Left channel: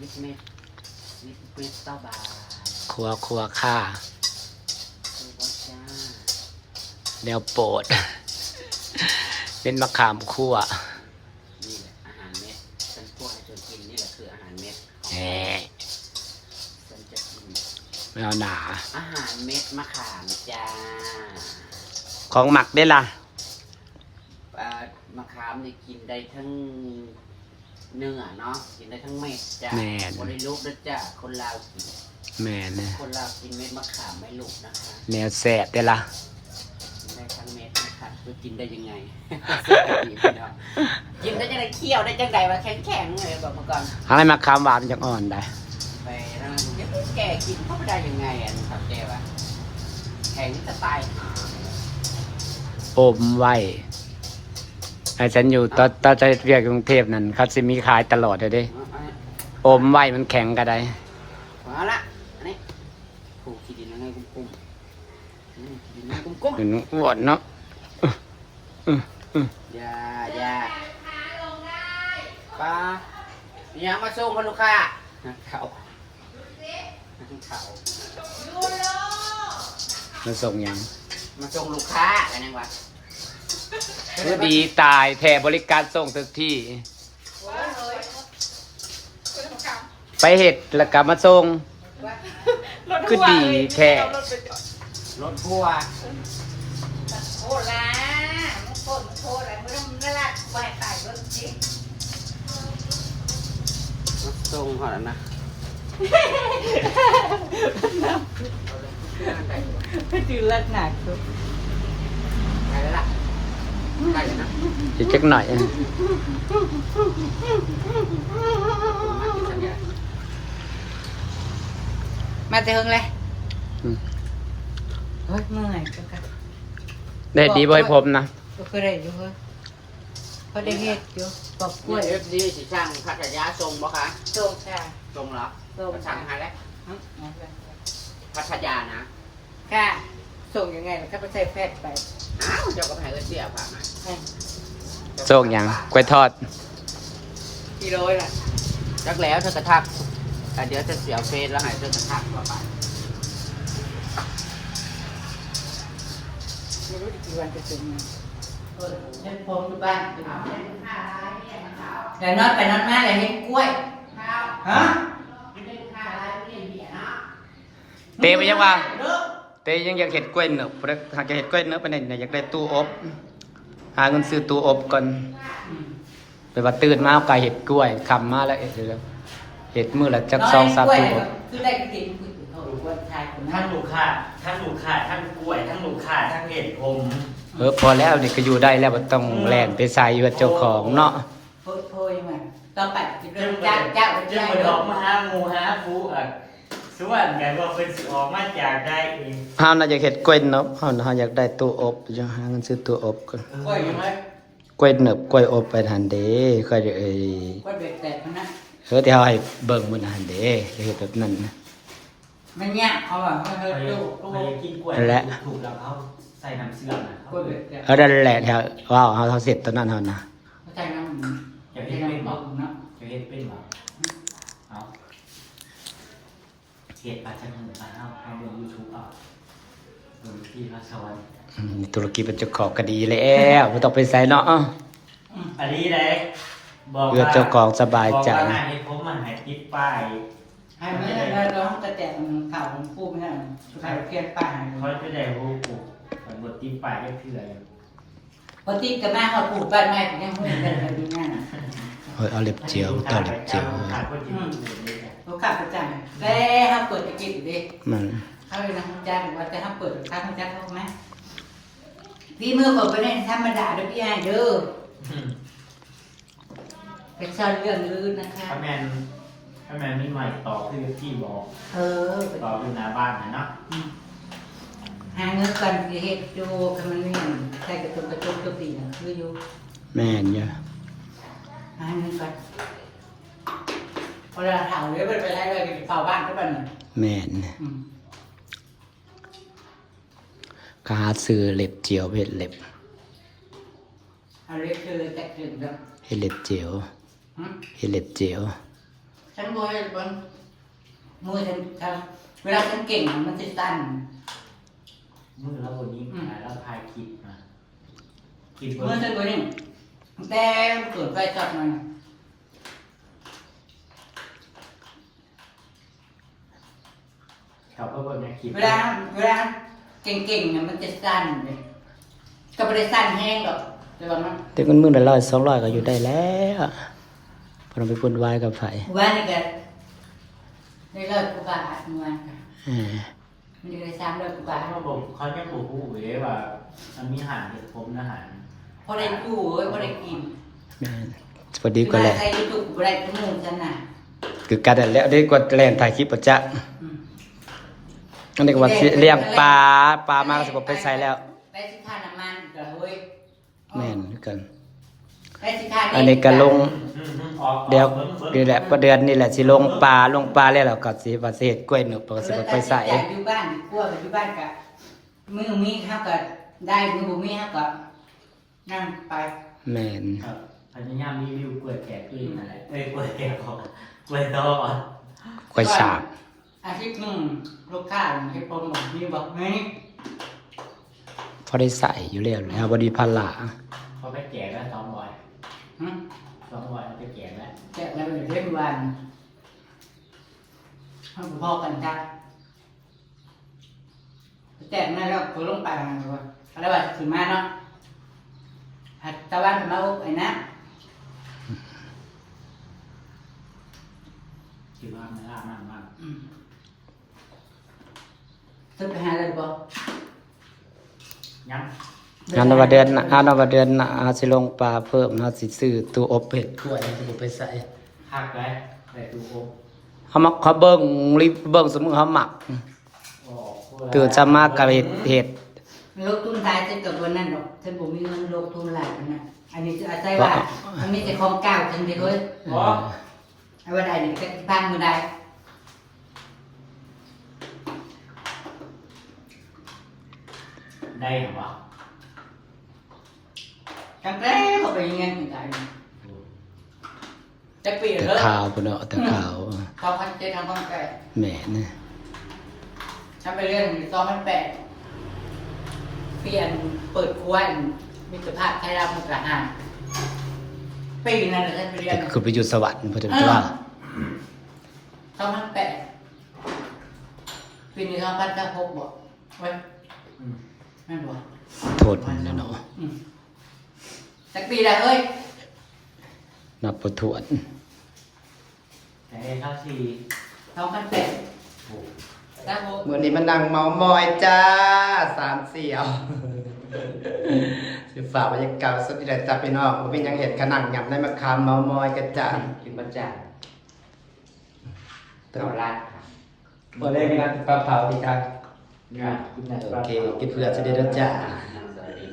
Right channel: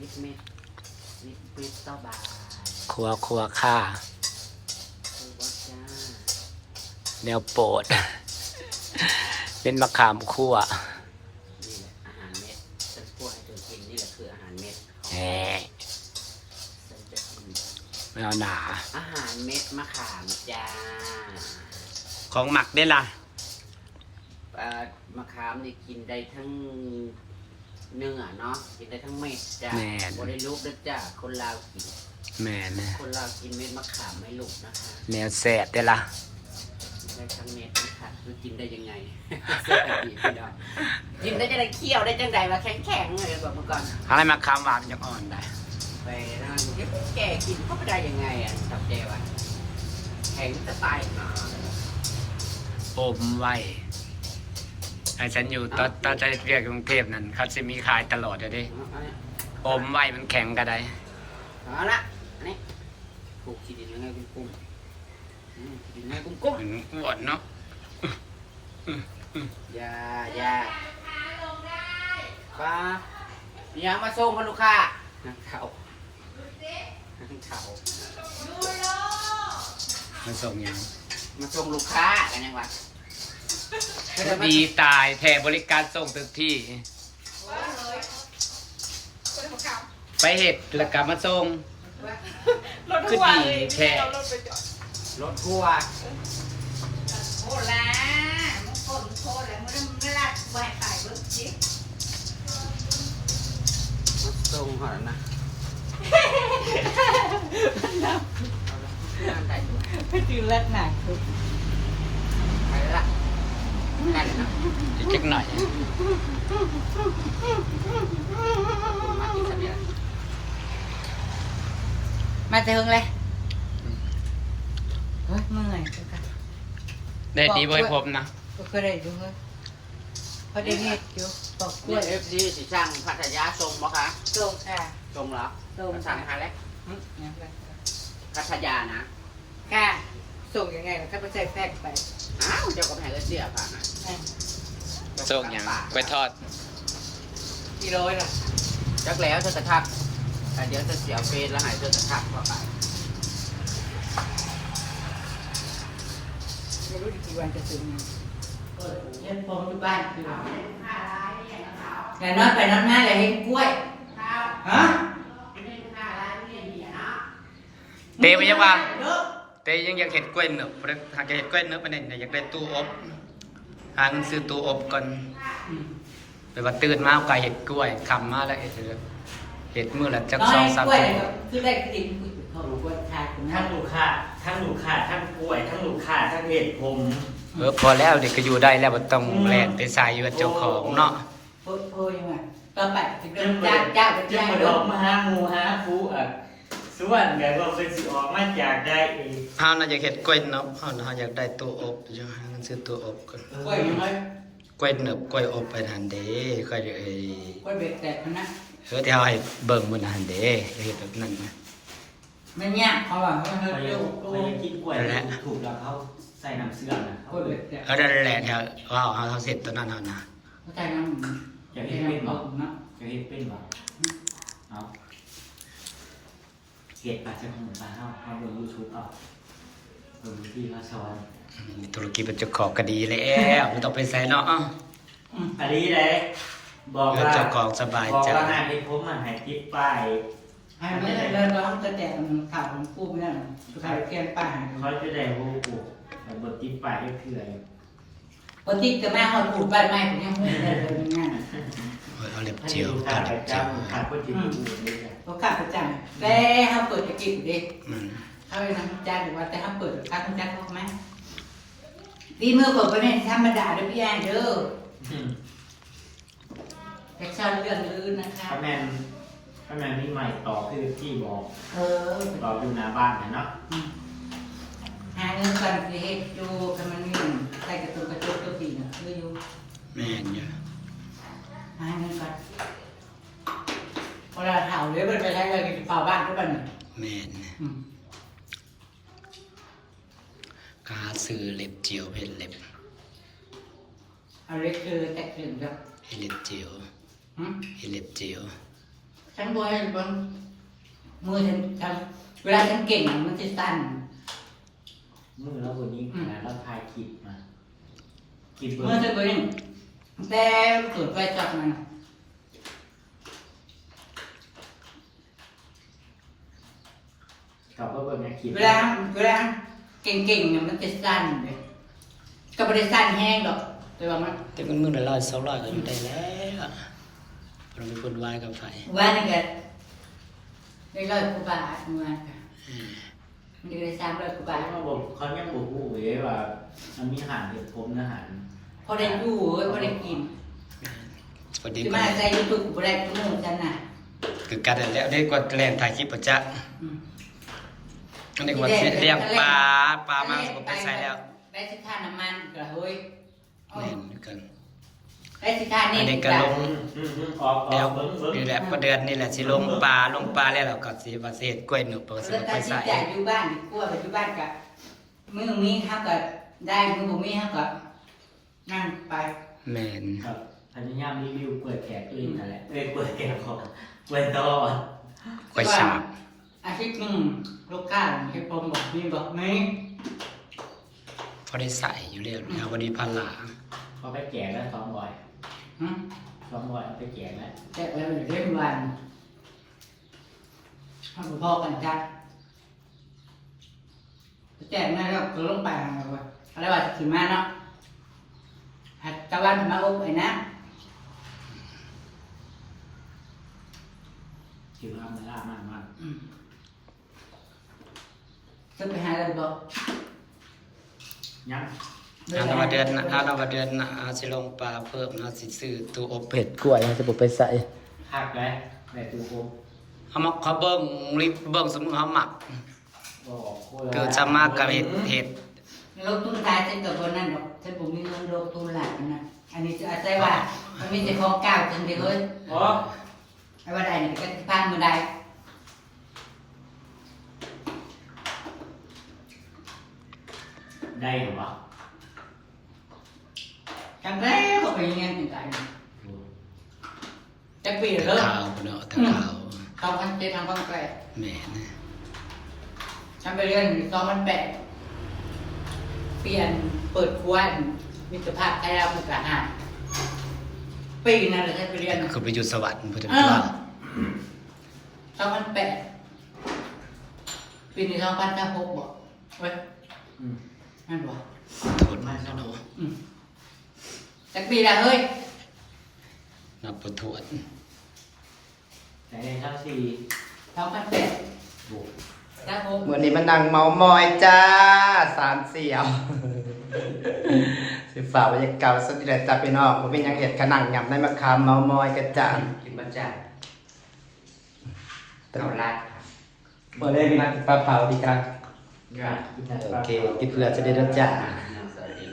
นิดเม็ดนิดเม็ดต่อบาท ครัวค่า คือว่าจ้า แนวโปรด เป็นมะขามคั่ว นี่แหละอาหารเม็ดฉันพูดให้เธอกินนี่แหละคืออาหารเม็ด แหม ฉันจะกิน ไม่เอาหนา อาหารเม็ดมะขามจ้า ของหมักได้ล่ะ มะขามนี่กินได้ทั้งเนื้อเนาะกินได้ทั้งเม็ดจ้า แม่น บ่ได้ลูกด้วยจ้าคนลาวกิน แม่นะ คนลาวกินเม็ดมะขามไม่ลูกนะคะ แนวแสบได้ล่ะ ได้ทั้งเม็ดนะคะมันกินได้ยังไง กินได้จังไดเคี่ยวได้จังไดวะแข็งๆเลยแบบเมื่อก่อน เอาให้มะขามหวานมันจะอ่อนได้ ไปแล้วมันแก่กินเข้าไปได้ยังไงอ่ะผักแกวะแข็งก็ตายหา อมไว้ให้ฉันอยู่ตอนจะเรียกกรุงเทพนั่นเขาสิมีขายตลอดเลยเด้อมไว้มันแข็งก็ได้ เอาละอันนี้ผูกขีดินยังไงกุ้งๆขีดินยังไงกุ้ง เป็นอ้วนเนาะ ๆอย่าป้ายังมาส่งกันลูกค้าเขา มาส่งยัง มาส่งลูกค้ากันยังวะ ดีตายแถบริการส่งทุกที่ ไปเห็ดแล้วกลับมาส่งก็ดีแท้ รถทัวร์ โอ้ล่ะมึงโคตรอะไรมึงไม่รักแหวกตายรถจิ๊บ มาส่งก่อนนะ ไม่ตื่นเลิศหนักดู ไปแล้วล่ะได้เลยนะ อีกเล็กหน่อย มากินสัญญา มาเจอเลยเฮ้ยเมื่อไหร่กันกัน ได้ดีบ่อยผมนะ ก็ได้อยู่เฮ้ยก็ได้เฮ็ดอยู่บอกก กล้ ล้ว วย เอฟดีสิช่างพัทยาส่งบ่คะ ส่งค่ะ ส่งเหรอ ส่ง มาสั่งหาแล้ว อืม พัทยานะ ค่ะส่งยังไงล่ะก็ไปใส่แฟกไป อ้าวเจ้าก็ไปให้เสียผ่านมา ส่งยังกล้วยทอด กิโลล่ะ จักแล้วเธอกระทับเดี๋ยวจะเสียเฟซแล้วให้เธอกระทับว่าไป ไม่รู้กี่วันจะถึงเล่นผมที่บ้านแต่นอนไปนอนมาเลยเห็นกล้วยฮะ เตะไปยังว่าเตะยังอยากเห็ดกล้วยเนบหากจะเห็ดกล้วยเนบไปไหนอยากได้ตู้อบหาเงินซื้อตู้อบก่อนไปว่าตื่นมาเอาไก่เห็ดกล้วยคำมาแล้วเห็ดมือละจัก2-3ตู้อบ คือได้กินเขารู้ว่าชายคน ทั้ นั้ ง น ลูกค้าทั้งลูกค้าทั้งกล้วยทั้งลูกค้าทั้งเห็ดผม พอแล้วนี่ก็อยู่ได้แล้วบ่ต้องแล่นไปใส่ว่าเจ้าของเนาะ โพยมาตอนไปจะเริ่มจ้าง ยังมาดอกมาหางูหาฟูส่วนไงว่าเป็นสิออกมาจากได้เอง เฮาน่าจะเห็ดกล้วยเนบเฮาอยากได้ตู้อบจะหาเงินซื้อตู้อบก่อน กล้วยมัน กล้วยเนบกล้วยอบไปทันเด้ค่อยจะกล้วยเบ็ดแตกมันนะ ที่เฮาให้เบิ่งมื้อนั้นเด้จะเฮ็ดแบบนั้นนะ มันยากเขาบอกว่าเฮ้ยดู ไปกินกล้วยถูกแล้วเขาใส่น้ำเสื่อมนะ กล้วยเบ็ดแตก นั่นแหละแถวว้าวเฮาเสร็จตอนนั้นเฮานะ เขาใจน้ำ อย่า เป็ เห็ น ดเป็นหร น้ำ อ อบเนาะ อย่าเห็ดเป็นหรอเอาเห็ดอาจจะหงไปเอาลงยูทูบเอาลงที่พระชร ธุรกิจเป็นเจ้าของก็ดีแล้วบ่ต้องไปใส่เนาะ อันนี้เลยบอก เพื่อเจ้าของสบายใจ บอกว่าให้ผมมันให้ติดป้าย ให้มันร้องแต่ข่าวของผู้เนี่ยข่าวเพียนป่า เขาจะได้รู้ปุ๊บบทติดป้ายได้คืออะไร พอติดกับแม่หอดปลูกบ้านใหม่ผมยังไม่ได้เลยนี่นะ เอาเล็บเจียวตาเล็บเจียว ขาดคนที่ดูเลย เขาขาดประจำแต่ถ้าเปิดจะกินดิ มัน เขาเลยนะจ้างว่าแต่ถ้าเปิดค่าคุณจ้างเขาไหมดีมือผมเป็นธรรมดาด้วยพี่ไอ้เด้อแต่ชาเรื่องลื่นนะคะ ถ้าแม่มีใหม่ต่อคือที่บอก ต่ออยู่หน้าบ้านนะเนาะ หาเงินกันที่เฮ็ดโจกันมันนี่ใช้กระตุ้นกระตุ้นตัวตีนะคืออยู่ แม่นอยู่ หาเงินกันเวลาเผาเลยไปใช้เลยกินเผาบ้านก็บ้าน แม่นก็หาซื้อเล็บเจียวเฮ็ดเล็บ เอาเล็กเลยแตกถึงแบบ เฮ็ดเล็บเจียวเฮ็ดเล็บเจียว ท ฉันบ่ให้บนมือฉันทำเวลาฉันเก่งมันจะสั่น มือแล้ววันนี้แล้วถ่ายคลิปนะคลิป มือฉันตัวนี้แต่เกิดไฟช็อตมัน เขาก็เป็นในคลิป เวลาเก่งๆเนี่ยมันจะสั่นเลยก็ไม่ได้สั่นแห้งหรอกแต่ว่ามัน แต่มันมื้อละ100 200ก็อยู่ได้แล้วพอเราไปพุ่นวายกับไผ ว่านี่ก็ได้100 กว่าบาทเมื่อวานค่ะ มันก็ได้300 กว่าบาท เขาบอกเขายังบอกผู้เอ๋ว่ามันมีหันเด็ดผมนะหัน พอได้อยู่เว้ยพอได้กิน แม่นพอดี ที่ กว่า ว่า แหละ ใส่ยูทูบบ่ได้ทุกมื้อฉันน่ะ คือกันนั่นแหละได้กว่าแล่นถ่ายคลิปประจักษ์ อืม อันนี้ก็ว่าสิเลี้ยงปลามาก็สิบ่ไปใส่แล้ว ได้สิค่าน้ำมันก็เฮ้ย แม่นคือกัน ได้สิค่า อันนี้ก็ลง ออก เดี๋ยวนี่แหละก็เดือนนี่แหละสิลงปลาแล้วเราก็สิว่าสิเฮ็ดกล้วยหนึกก็สิบ่ไปใส่ จากอยู่บ้านดีกว่าไปอยู่บ้านก็มื้อมีถ้าก็ได้มื้อบ่มีถ้าก็นั่งไป แม่น ครับพยายามรีวิวเปิดแกะเองนั่นแหละเปิดแกะของเปิดต่อก ล้วยฉาบ อาทิตย์หนึงลูกค้าเฮ็ดผมบอกมีบอกไหม พอได้ใส่อยู่แล้วนะบ่ดีพันหลา เขาไปแกะแล้ว200 หึ 200เอาไปแกะแล้ว แจกแล้วเดี๋ยวเล่นวันทำพอกันครับแจกนั่นแล้วก็ลงไปอะไรว่าถึงมาเนาะหัดตะวันมาอบไอ้นะ คิดว่ามันล่ามากมาก ตึกไปหาอะไรบ่ ยัง อันนนว่าเดือนน่ะอาสิลงปลาเพิ่มเฮาสิซื้อตู้อบเผ็ดกล้วยให้สิบ่ไปใส่ หักเลยในตู้อบ เขาเบิ่งรีบเบิ่งสมมุติเขาหมักเกิดจะมากกับเห็ด โลกตุ้นตายจะกับวันนั้นดอกฉันบ่มีเงินโลกตุ้นหลายวันนั้นอันนี้จะอาศัยว่ามันมีแต่ของเก่าจังเลยเฮ้ย อ๋อ ไอ้ว่าใดนี่ก็พันมื้อใด ได้หรือเปล่า จังแล้เขาไปยังไงถึงตายจะปีละเลิก ขาวพุ่นเนาะแต่ขาว 2007 2008 แหม่นะ ฉันไปเรียน2008เปลี่ยนเปิดครัวมิตรภาพไทยรัฐมุกดาหารปีนั้นเลยฉันไปเรียน คือไปอยู่สวรรค์เพิ่นว่า 2008ปีนี้2006บอกเว้ย อืม นั่นบอก โทษเนาะ สักปีละเฮ้ย นับบ่ถ้วน แต่ในทั้งสี่ 2008 ถูก 2006 มื้อนี้มันนั่งเมามอยจ้าสามเสี่ยวสิฝากบรรยากาศสุดที่แหละจ้าพี่น้องบ่มีหยังเฮ็ดก็นั่งยำในมะขามเมามอยกันจ้า ถึงบรรจัย ตลอดลาบ่ได้มาปลาเผาดีจ้า งานกินแต่ โอเคกินเพื่อจะได้รสจ้า สวัสดี